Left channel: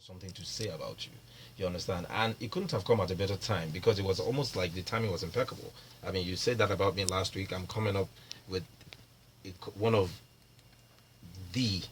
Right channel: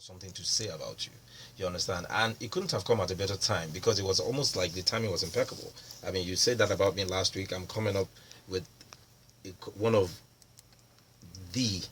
something to say about you. You understand? And it couldn't have come at a better time because it was almost like the timing was impeccable. I mean, you said that about me last week. I'm coming up with one of the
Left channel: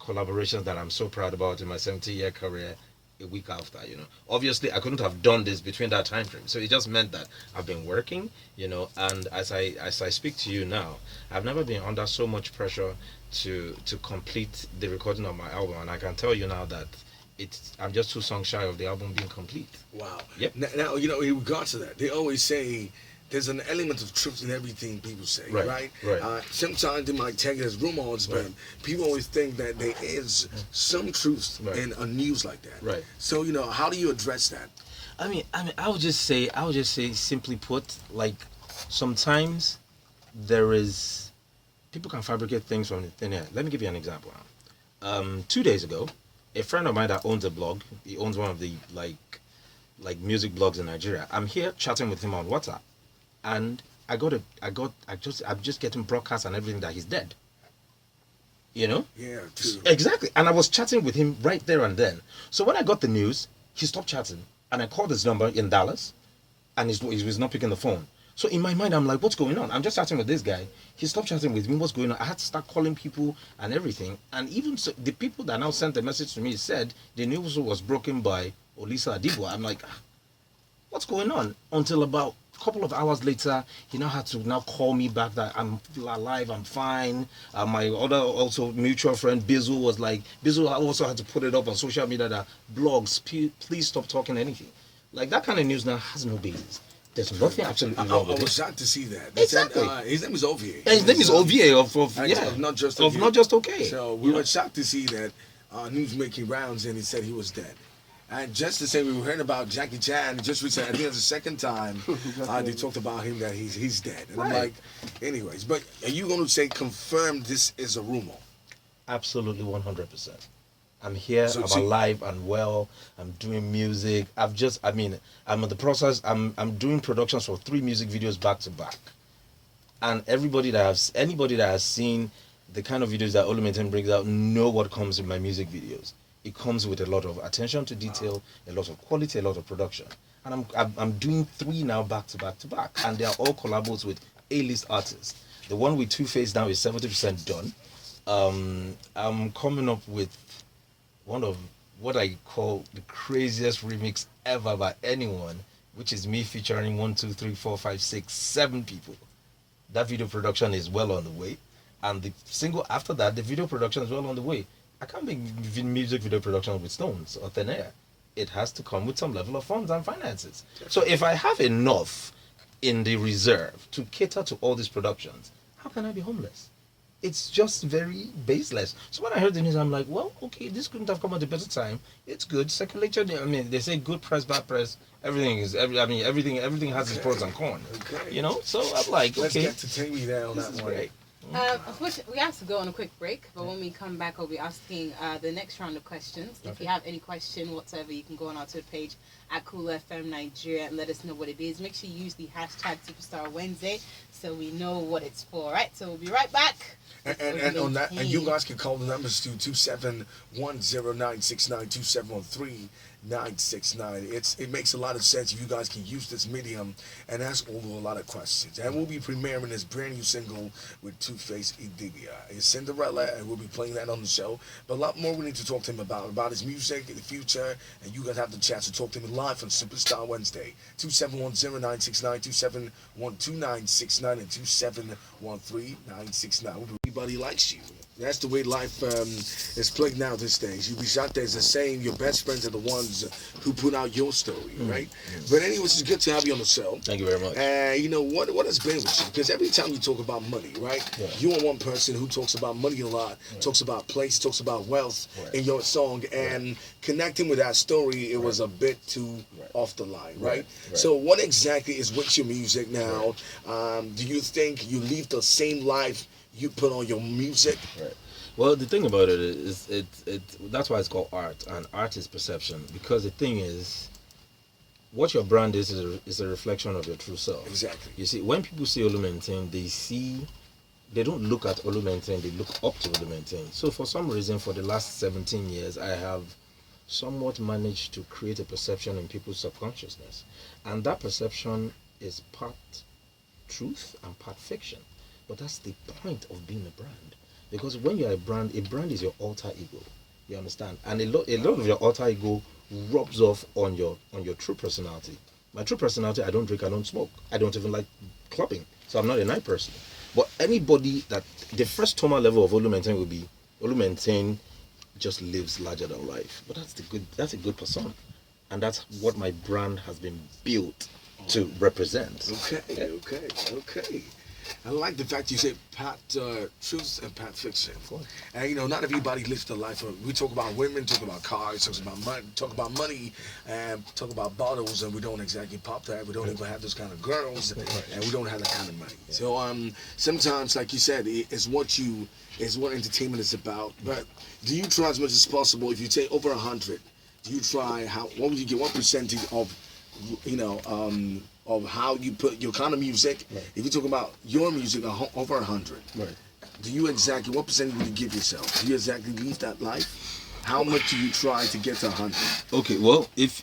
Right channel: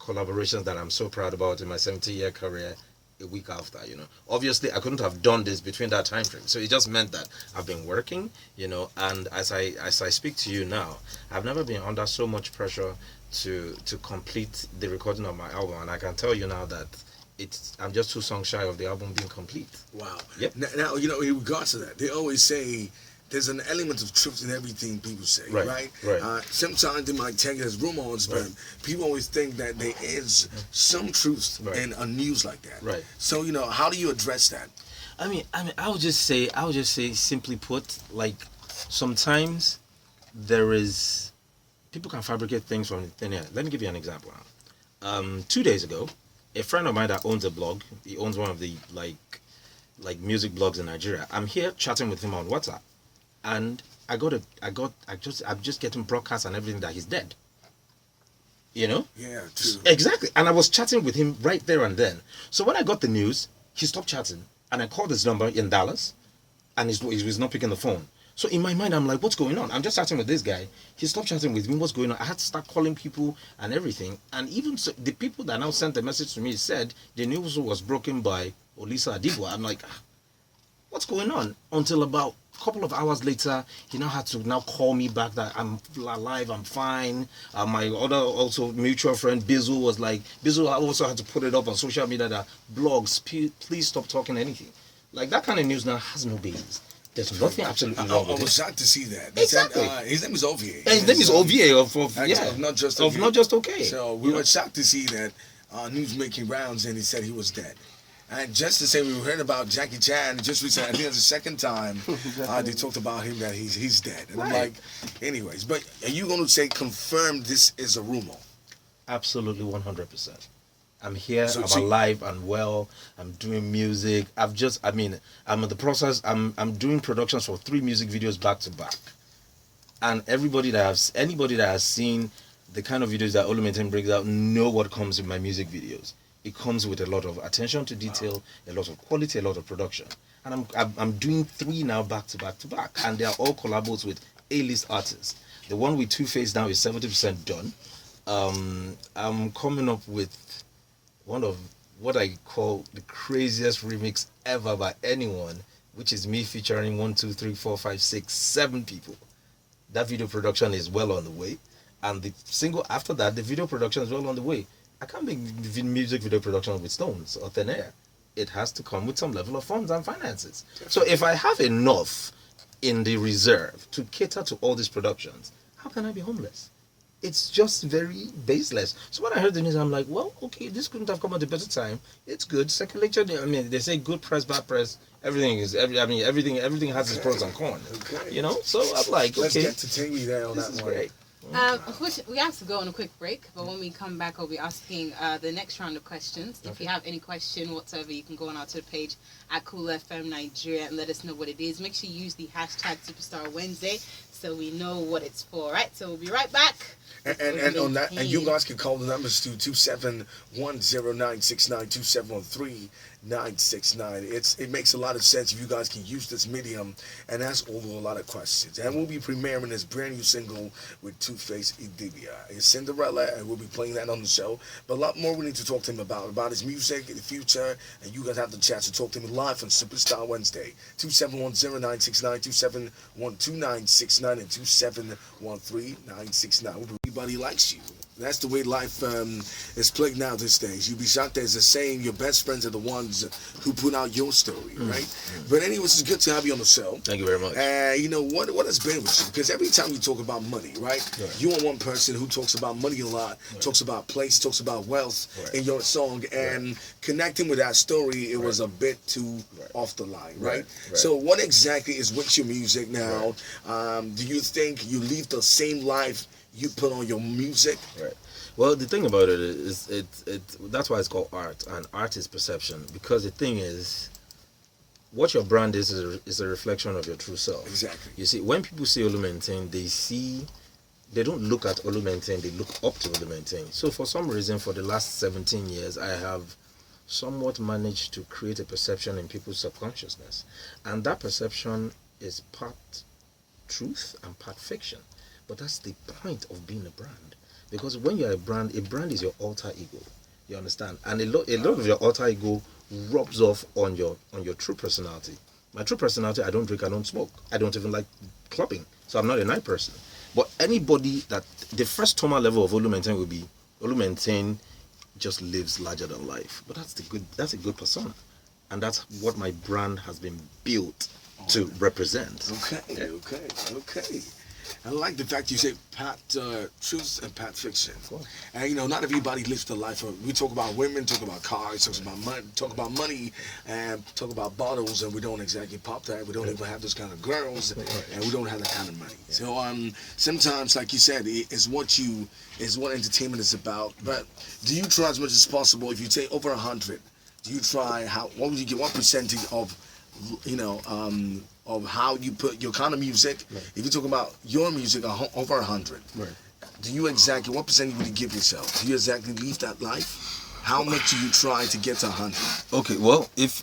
collaborations that I'm so proud about in my 70-year career a week after, Obviously, I couldn't have done this between that time frame. So it just meant that I've been working, and as I speak to you now, I've never been under so much pressure to complete the recording of my album, and I can tell you now that I'm just 2 songs shy of the album being complete. Wow. Yep. Now, in regards to that, they always say there's an element of truth in everything people say, right? Sometimes they might take it as rumors, but people always think that there is some truth in a news like that. Right. So, how do you address that? I would just say, simply put, like, sometimes there is, people can fabricate things from thin air. Let me give you an example. 2 days ago, a friend of mine that owns a blog, he owns one of the like music blogs in Nigeria. I'm here chatting with him on WhatsApp, and I'm just getting broadcasts and everything that he's dead. Yeah, true. Exactly. And I was chatting with him right there and then. So when I got the news, he stopped chatting, and I called his number in Dallas, and he was not picking the phone. So in my mind, I'm like, what's going on? I'm just chatting with this guy. He stopped chatting with me. What's going on? I had to start calling people and everything. And even so, the people that now sent the message to me said the news was broken by Olisa Adigwa. I'm like, what's going on? Until about a couple of hours later, he now had to now call me back that I'm alive, I'm fine. My other also mutual friend Bizzle was like, Bizzle also had to put it up on social media that blogs, please stop talking anything. Like, that kind of news now has no basis. There's nothing absolutely wrong with it. I was shocked to see that. Exactly. His name is Ovier. His name is Ovier of Not Just Okay. Of Not Just Okay. So we were shocked to see that news making rounds, and he said he was dead. And just the same, we heard about Jackie Chan just recently. I think it's the second time they talked about him that he's dead. And I'm like, anyways. But are you going to say confirm this is a rumor? Absolutely, 100%. I'm here, I'm alive and well, I'm doing music. I'm in the process, I'm doing productions for 3 music videos back to back. And anybody that has seen the kind of videos that Oluminten brings out know what comes in my music videos. It comes with a lot of attention to detail, a lot of quality, a lot of production. And I'm doing 3 now back to back to back. And they are all collabos with A-list artists. The one with Tuface now is 70% done. I'm coming up with one of what I call the craziest remix ever by anyone, which is me featuring 1, 2, 3, 4, 5, 6, 7 people. That video production is well on the way. And the single after that, the video production is well on the way. I can't make music video production with stones or thin air. It has to come with some level of funds and finances. So if I have enough in the reserve to cater to all these productions, how can I be homeless? It's just very baseless. So when I heard the news, I'm like, well, okay, this couldn't have come at a better time. It's good. Circulation, they say good press, bad press. Everything has its pros and cons. Okay. So I'm like, okay. Let's get to Taymi there on that one. Great. We have to go on a quick break, but when we come back, I'll be asking the next round of questions. Okay. If you have any question whatsoever, you can go on our Twitter page at Cool FM Nigeria and let us know what it is. Make sure you use the hashtag Superstar Wednesday so we know what it's for. Right? So we'll be right back. And on that, and you guys can call the numbers to 2710969 2713-969. It makes a lot of sense if you guys can use this medium and ask over a lot of questions. And we'll be premiering this brand new single with Tuface Idibia. It's Cinderella, and we'll be playing that on the show. But a lot more we need to talk to him about his music, the future, and you guys have the chance to talk to him live on Superstar Wednesday. 2710969 2712969 and 2713969. Everybody likes you. That's the way life is played now these days. You'll be shocked. There's a saying, your best friends are the ones who put out your story, right? But anyways, it's good to have you on the show. Thank you very much. What has been with you? Because every time you talk about money, right? Yeah. You are one person who talks about money a lot, talks about place, talks about wealth in your song, and connecting with that story, it was a bit too off the line, right? So what exactly is with your music now? Do you think you live the same life you put on your music? Right. Well, the thing about it is, that's why it's called art, and art is perception. Because the thing is, what your brand is a reflection of your true self. Exactly. You see, when people see Oluminten, they don't look at Oluminten, they look up to Oluminten. So for some reason, for the last 17 years, I have somewhat managed to create a perception in people's subconsciousness. And that perception is part truth and part fiction. But that's the point of being a brand. Because when you're a brand is your alter ego. You understand? And a lot of your alter ego rubs off on your true personality. My true personality, I don't drink, I don't smoke. I don't even like clubbing. So I'm not a night person. But anybody that the first trauma level of Olumentain will be Olumentain just lives larger than life. But that's a good persona. And that's what my brand has been built to represent. Okay. I like the fact you say part truth and part fiction. Of course. And not everybody lives the life of. We talk about women, talk about cars, talk about money, and talk about bottles, and we don't exactly pop that. We don't even have those kind of girls, and we don't have that kind of money. Yeah. So sometimes, like you said, it's what entertainment is about. But do you try as much as possible? If you take over 100, do you try what would you get? What percentage of of how you put your kind of music? Right. If you talk about your music over 100, right? Do you exactly what percentage would you give yourself? Do you exactly live that life? How much do you try to get to 100? Okay, well, if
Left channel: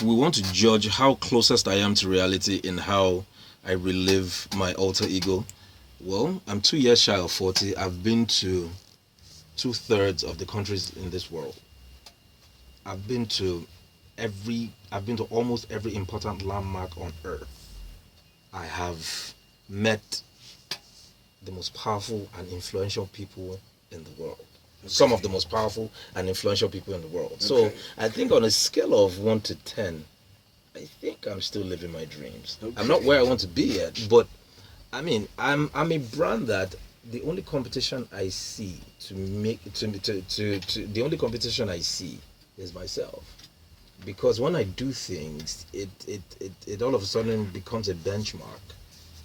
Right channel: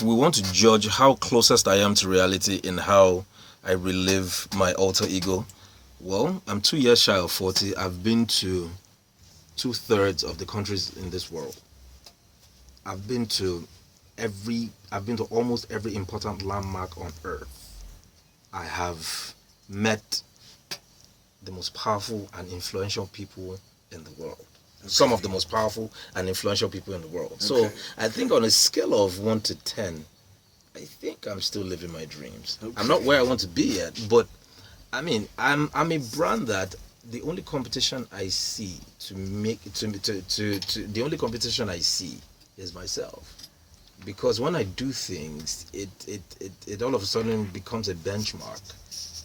we want to judge how closest I am to reality in how I relive my alter ego, well, I'm 2 years shy of 40. I've been to 2/3 of the countries in this world. I've been to almost every important landmark on earth. I have met the most powerful and influential people in the world. Okay. Some of the most powerful and influential people in the world. Okay. So I think on a scale of 1 to 10, I think I'm still living my dreams. Okay. I'm not where I want to be yet, but I mean, I'm a brand that the only competition I see the only competition I see is myself. Because when I do things, it all of a sudden becomes a benchmark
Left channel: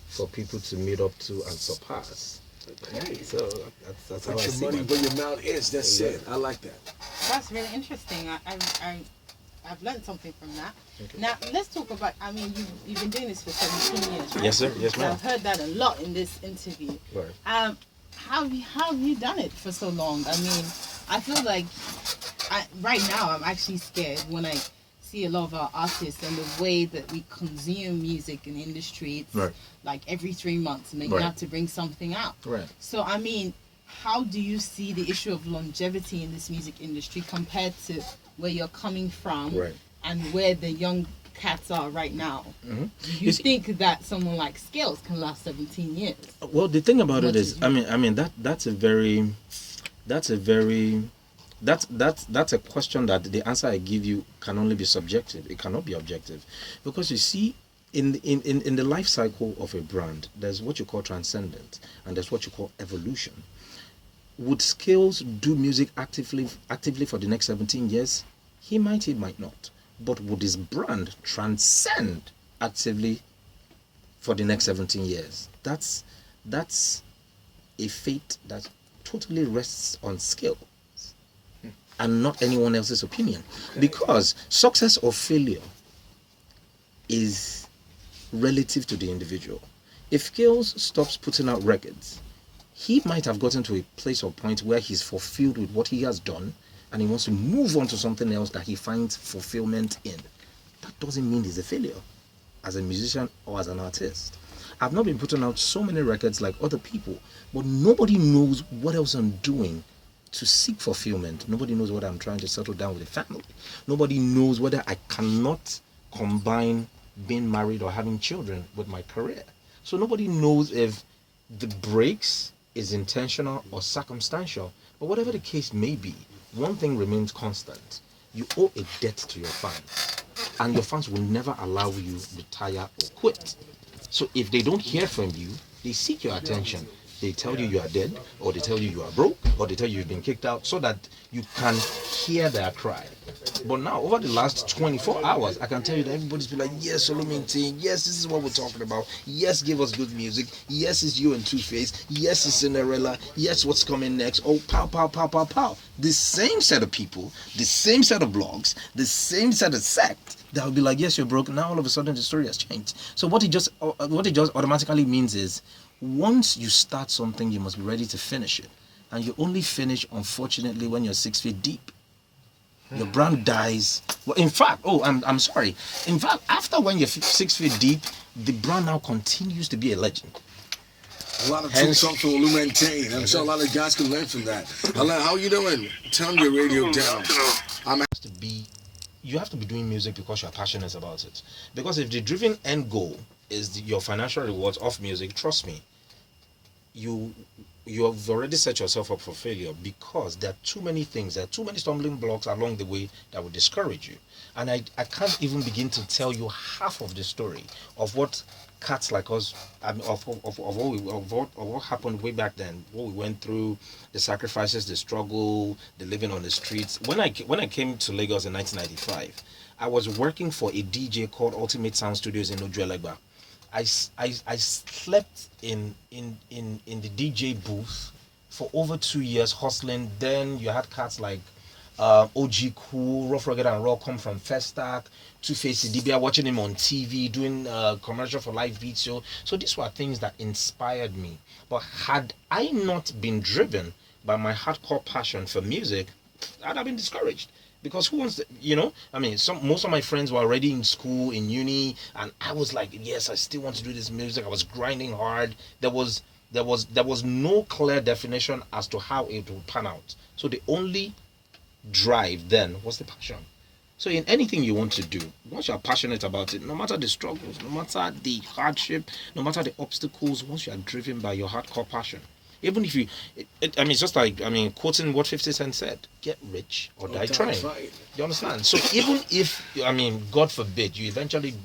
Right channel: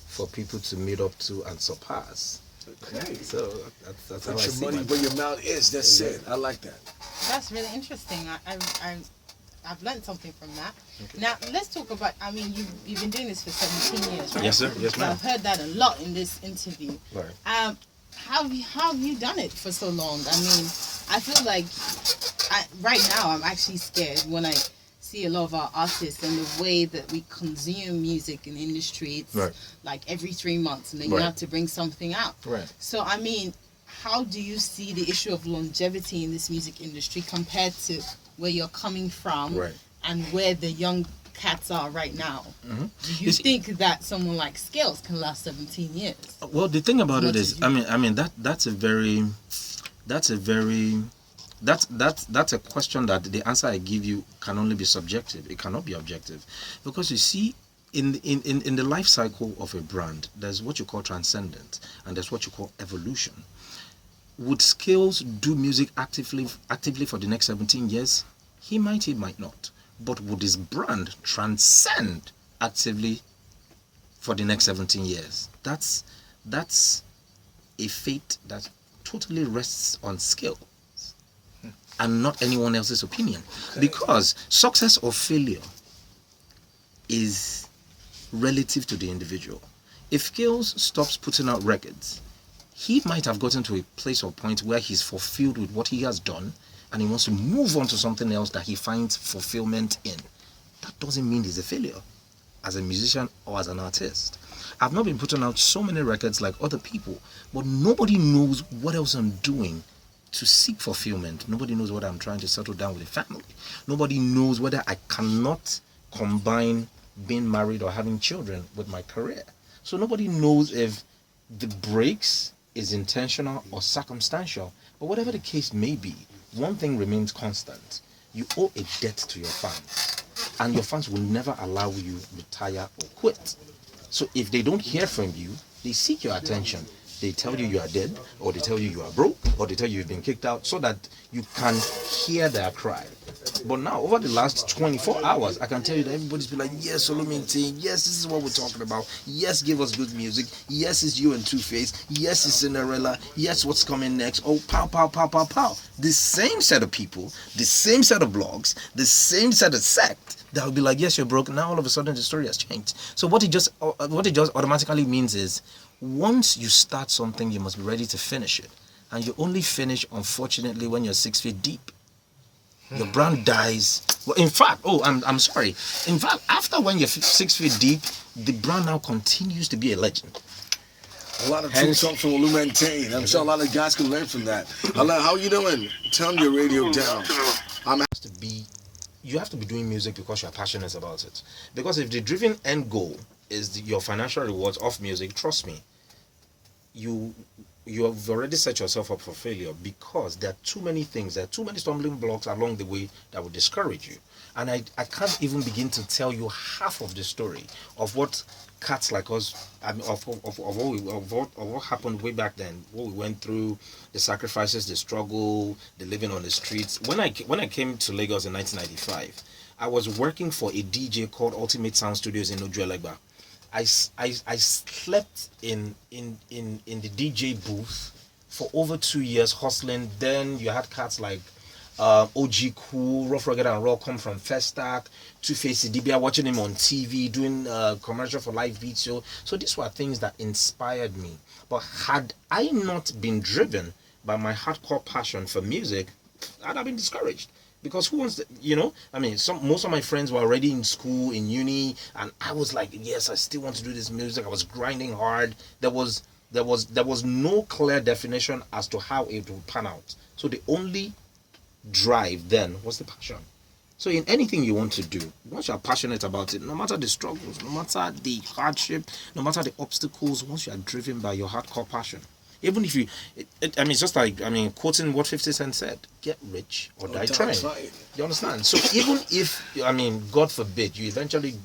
for people to meet up to and surpass. Okay. So that's how I see money where your mouth is. That's it. I like that. That's really interesting. I've learned something from that. Okay. Now let's talk about. I mean, you've been doing this for 17 years, right? Yes, sir. Yes, ma'am. I've heard that a lot in this interview. Right. How have you done it for so long? I mean, I feel like right now I'm actually scared when I see a lot of our artists and the way that we consume music in the industry. It's like every 3 months and then you have to bring something out. Right. So, I mean, how do you see the issue of longevity in this music industry compared to where you're coming from and where the young cats are right now? Mm-hmm. Do you think that someone like Skills can last 17 years? Well, the thing about it is, that's a question that the answer I give you can only be subjective. It cannot be objective, because you see, in the life cycle of a brand, there's what you call transcendent and there's what you call evolution. Would Skills do music actively for the next 17 years? He might not. But would his brand transcend actively for the next 17 years? That's a fate that totally rests on Skills and not anyone else's opinion. Because success or failure is relative to the individual. If Skills stops putting out records, he might have gotten to a place or point where he's fulfilled with what he has done and he wants to move on to something else that he finds fulfillment in. That doesn't mean he's a failure as a musician or as an artist. I've not been putting out so many records like other people, but nobody knows what else I'm doing to seek fulfillment. Nobody knows what I'm trying to settle down with a family. Nobody knows whether I cannot combine being married or having children with my career. So nobody knows if the breaks is intentional or circumstantial. But whatever the case may be, one thing remains constant. You owe a debt to your fans. And your fans will never allow you to retire or quit. So if they don't hear from you, they seek your attention. They tell you are dead, or they tell you are broke, or they tell you you've been kicked out, so that you can hear their cry. But now, over the last 24 hours, I can tell you that everybody's been like, yes, Olumentain, yes, this is what we're talking about. Yes, give us good music. Yes, it's you and Tuface. Yes, it's Cinderella. Yes, what's coming next? Oh, pow, pow, pow, pow, pow. The same set of people, the same set of blogs, the same set of sect that will be like, yes, you're broke. Now, all of a sudden, the story has changed. So what it just automatically means is, once you start something, you must be ready to finish it. And you only finish, unfortunately, when you're 6 feet deep. your brand dies. Well, in fact, I'm sorry. In fact, after when you're 6 feet deep, the brand now continues to be a legend. A lot of true talk from Dotun and Taymi. I'm sure a lot of guys can learn from that. Hello, how you doing? Turn your radio down. You have to be doing music because you're passionate about it. Because if the driven end goal is your financial rewards of music, trust me, you have already set yourself up for failure, because there are too many things, there are too many stumbling blocks along the way that will discourage you. And I can't even begin to tell you half of the story of what cats like us, of what happened way back then, what we went through, the sacrifices, the struggle, the living on the streets. When I came to Lagos in 1995, I was working for a DJ called Ultimate Sound Studios in Ojuelegba. I slept in the DJ booth for over 2 years hustling. Then you had cats like OG Cool, Rough Rugged and Raw come from Festac, Tuface, Dibia, watching him on TV, doing commercial for live beats. So these were things that inspired me. But had I not been driven by my hardcore passion for music, I'd have been discouraged. Because who wants to, most of my friends were already in school, in uni, and I was like, yes, I still want to do this music. I was grinding hard. There was no clear definition as to how it would pan out. So the only drive then was the passion. So in anything you want to do, once you're passionate about it, no matter the struggles, no matter the hardship, no matter the obstacles, once you are driven by your hardcore passion, even if it's just like, quoting what 50 Cent said, get rich or die trying. You understand? So even if, God forbid, you eventually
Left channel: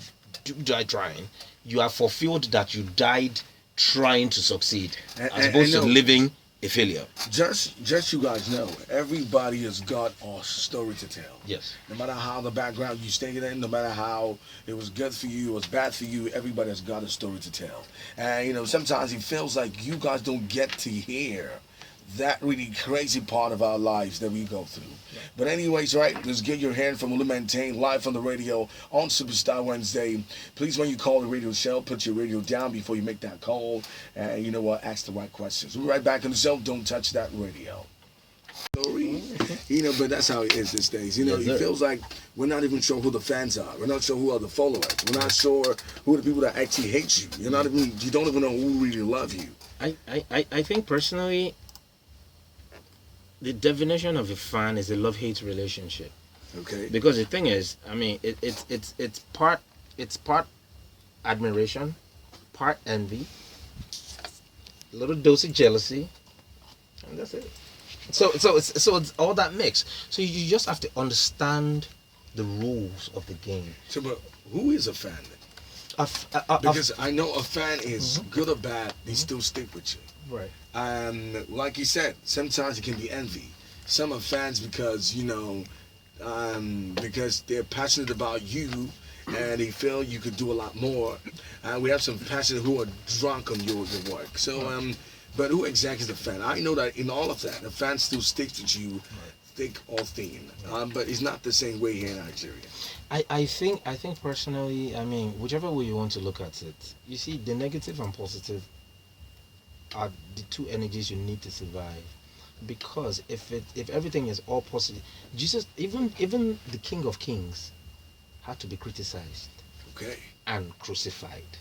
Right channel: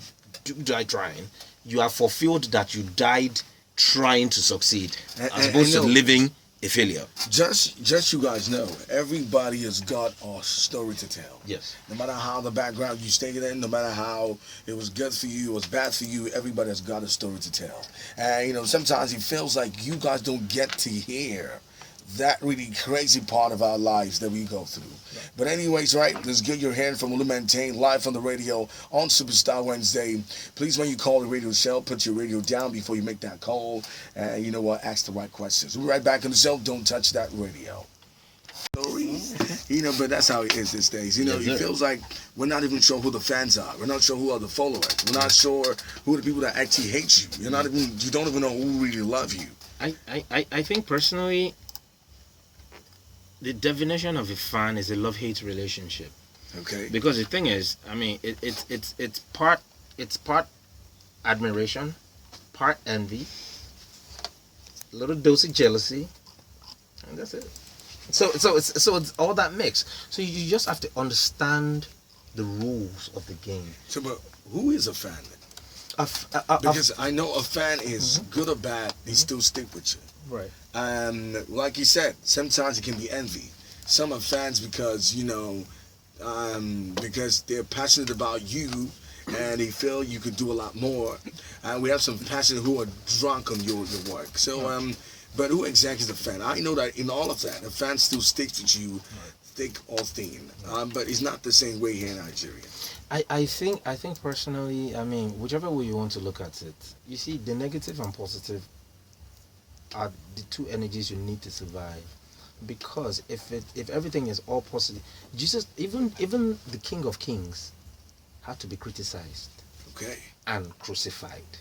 do die trying, you have fulfilled that you died trying to succeed, as opposed to living a failure. Just you guys know, everybody has got a story to tell. Yes. No matter how the background you stayed in, no matter how it was good for you, it was bad for you, everybody has got a story to tell. And sometimes it feels like you guys don't get to hear that really crazy part of our lives that we go through. Right. But anyways, right, let's get your hand from Dotun and Taymi live on the radio on Superstar Wednesday. Please, when you call the radio show, put your radio down before you make that call. And you know what, ask the right questions. We'll be right back on the show. Don't touch that radio. But that's how it is these days. It feels like we're not even sure who the fans are. We're not sure who are the followers. We're not sure who are the people that actually hate you. You don't even know who really love you. I think personally, the definition of a fan is a love-hate relationship. Okay. Because the thing is, it's part admiration, part envy, a little dose of jealousy, and that's it. So it's all that mix. So you just have to understand the rules of the game. So, but who is a fan? Because I know a fan is good or bad, they still stick with you. Right. Like you said, sometimes it can be envy. Some are fans because because they're passionate about you and they feel you could do a lot more. We have some passionate who are drunk on your work. So, but who exactly is a fan? I know that in all of that, a fan still sticks with you, thick or thin. But it's not the same way here in Nigeria. I think personally, whichever way you want to look at it, you see, the negative and positive are the two energies you need to survive. Because if everything is all positive, Jesus, even the King of Kings had to be criticized, and crucified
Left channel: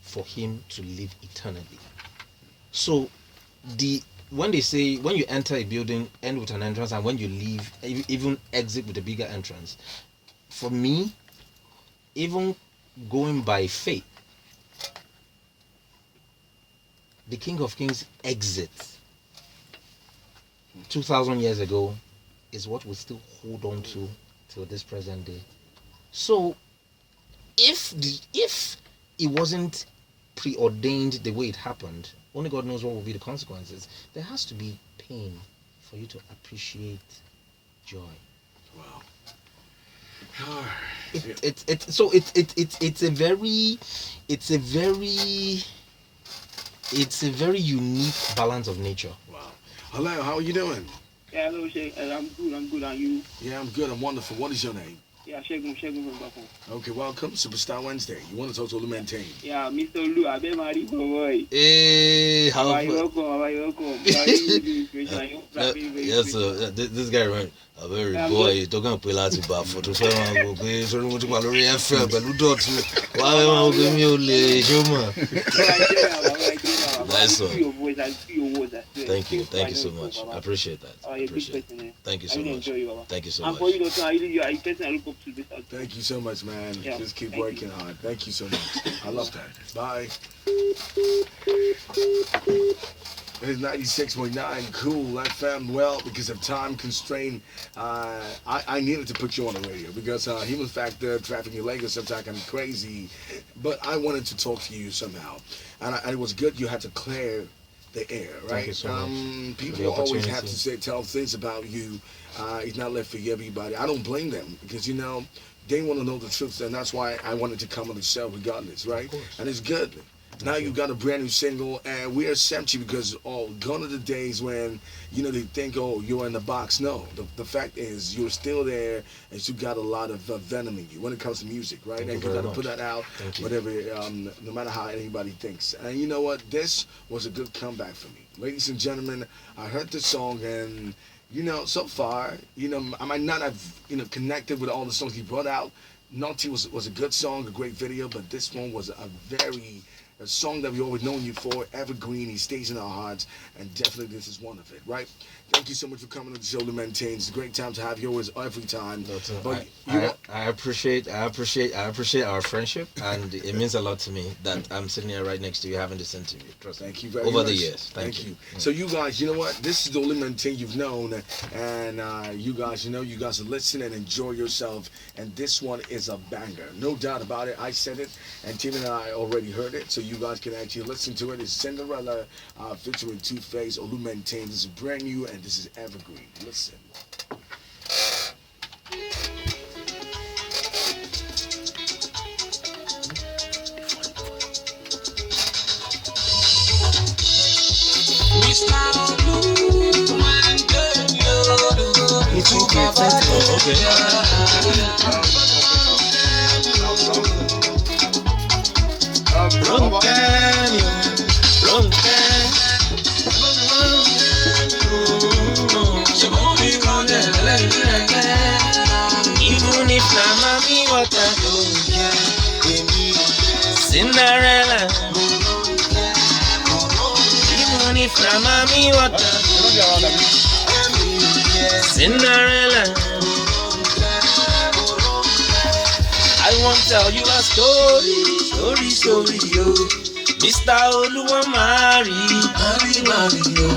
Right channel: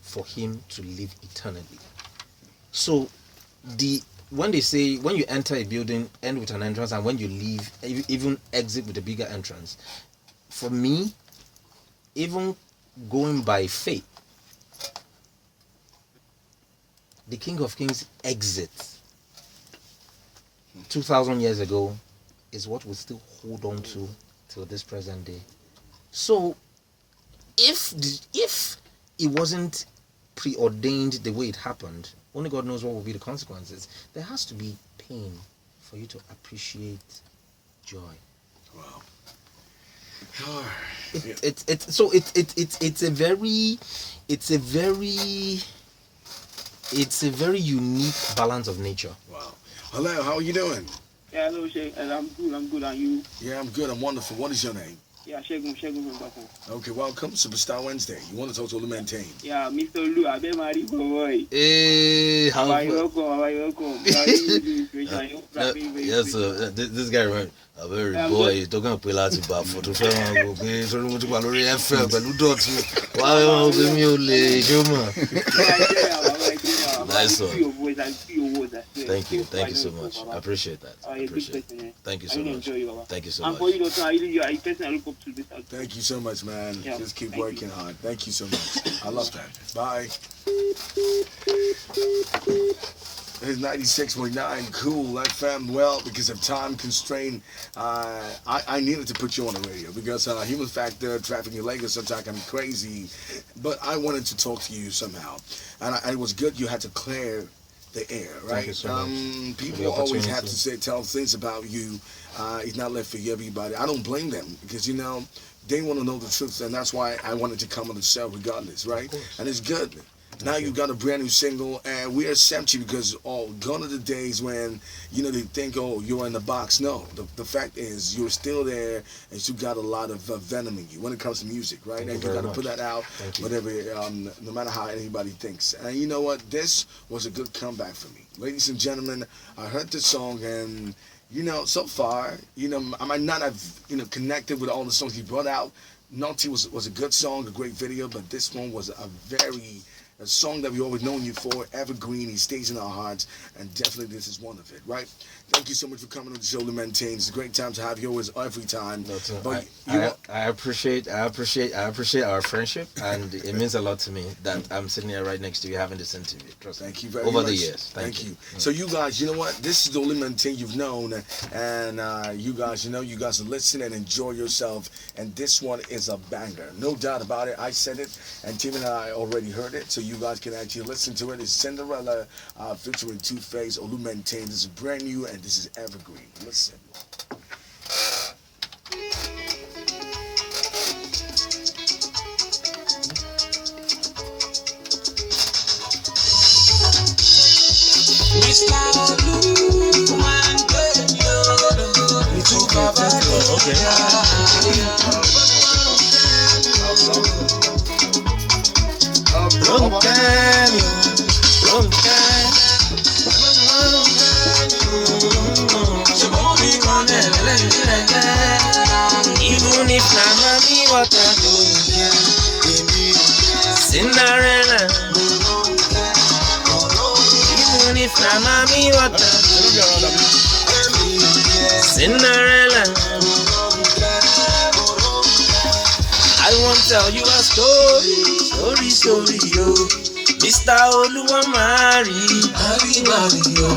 for him to live eternally. So when they say, when you enter a building, end with an entrance, and when you leave, even exit with a bigger entrance. For me, even going by faith, the King of Kings exit 2,000 years ago is what we still hold on to till this present day. So if it wasn't preordained the way it happened, only God knows what will be the consequences. There has to be pain for you to appreciate joy. Wow. It's a very unique balance of nature. Wow. Hello, how are you doing? Yeah, hello, Shay. I'm good. And you? Yeah, I'm good. I'm wonderful. What is your name? Yeah, Shegun from Dotun. Okay, welcome, Superstar Wednesday. You want to talk to Dotun and Taymi? Yeah, Mr. Lu, I been married for boy. Hey, how are you welcome? Yes, sir. This guy, right? A very boy, talking about Pilates bar for to film and go so much Valerie FM, but Dotun. Why am I going to human? Nice one. Thank you so much. I appreciate that. Thank you so much. Thank you so much. Thank you so much, man. Yeah, just keep thank working you. hard. Thank you so much. I love that. Bye. It's 96.9 Cool FM. Well, because of time constraint, I needed to put you on the radio because human factor, traffic in Lagos sometimes can be crazy. But I wanted to talk to you somehow. And it was good you had to clear the air, right? Thank you so much. People always have to tell things about you. It's not left for everybody. I don't blame them because, you know, they want to know the truth. And that's why I wanted to come on the show regardless, right? And it's good. Now you got a brand new single, and we accept you because gone are the days when, you know, they think, oh, you're in the box. No, the fact is you're still there, and you got a lot of venom in you when it comes to music, right? And you got to put that out, whatever, no matter how anybody thinks. And you know what? This was a good comeback for me. Ladies and gentlemen, I heard this song, and, you know, so far, you know, I might not have, you know, connected with all the songs he brought out. Naughty was a good song, a great video, but this one was a song that we always known you for, evergreen. He stays in our hearts, and definitely this is one of it, right? Thank you so much for coming on the show to maintain. It's a great time to have yours every time. But I appreciate our friendship, and it means a lot to me that I'm sitting here right next to you having this interview. Trust me. Thank you very much. Over the years. Thank you. So you guys, you know what? This is the only maintain you've known, and you guys, you know, you guys listen and enjoy yourself, and this one is a banger. No doubt about it. I said it, and Tim and I already heard it, so you guys can actually listen to it. It's Cinderella featuring Tuface, Olu Maintain. This is brand new, and this is evergreen. Listen. Mr. Olu and even if na mommy what I do, Cinderella. Even if na mommy what I do, Cinderella. I won't tell you a story, yo. Mr. Oluwa marry, yo.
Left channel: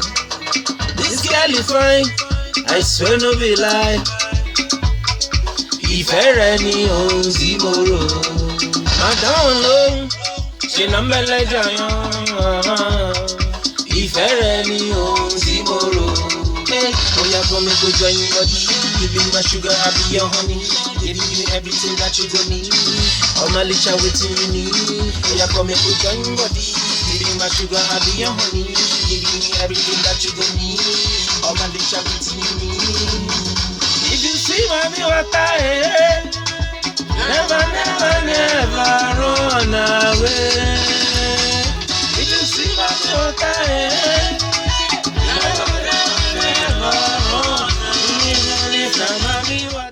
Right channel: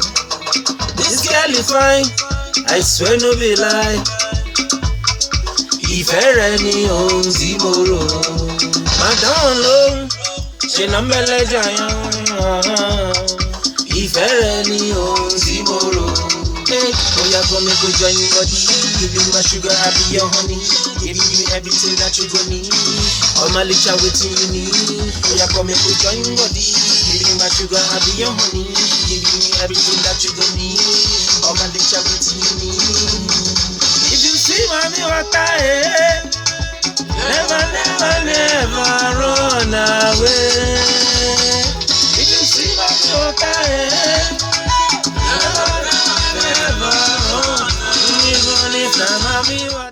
This girl is fine, I swear no be lie. Ìfẹ́ rẹ ni ohun tí mo rò. Madam lóhùn, ṣe ló ń bẹ lẹ́jọ́ yan. Ìfẹ́ rẹ ni ohun tí mo rò. Oh yeah, come and go join your body. Give you my sugar, I'll be your honey. Give you everything that you don't need. All my licha waiting you need. Oh yeah, come and go join your body. Give you my sugar, I'll be your honey. Give you everything that you don't need. All my licha waiting you need. If you see mommy what I never run away. If you see mommy what I never run, even if I'm mommy what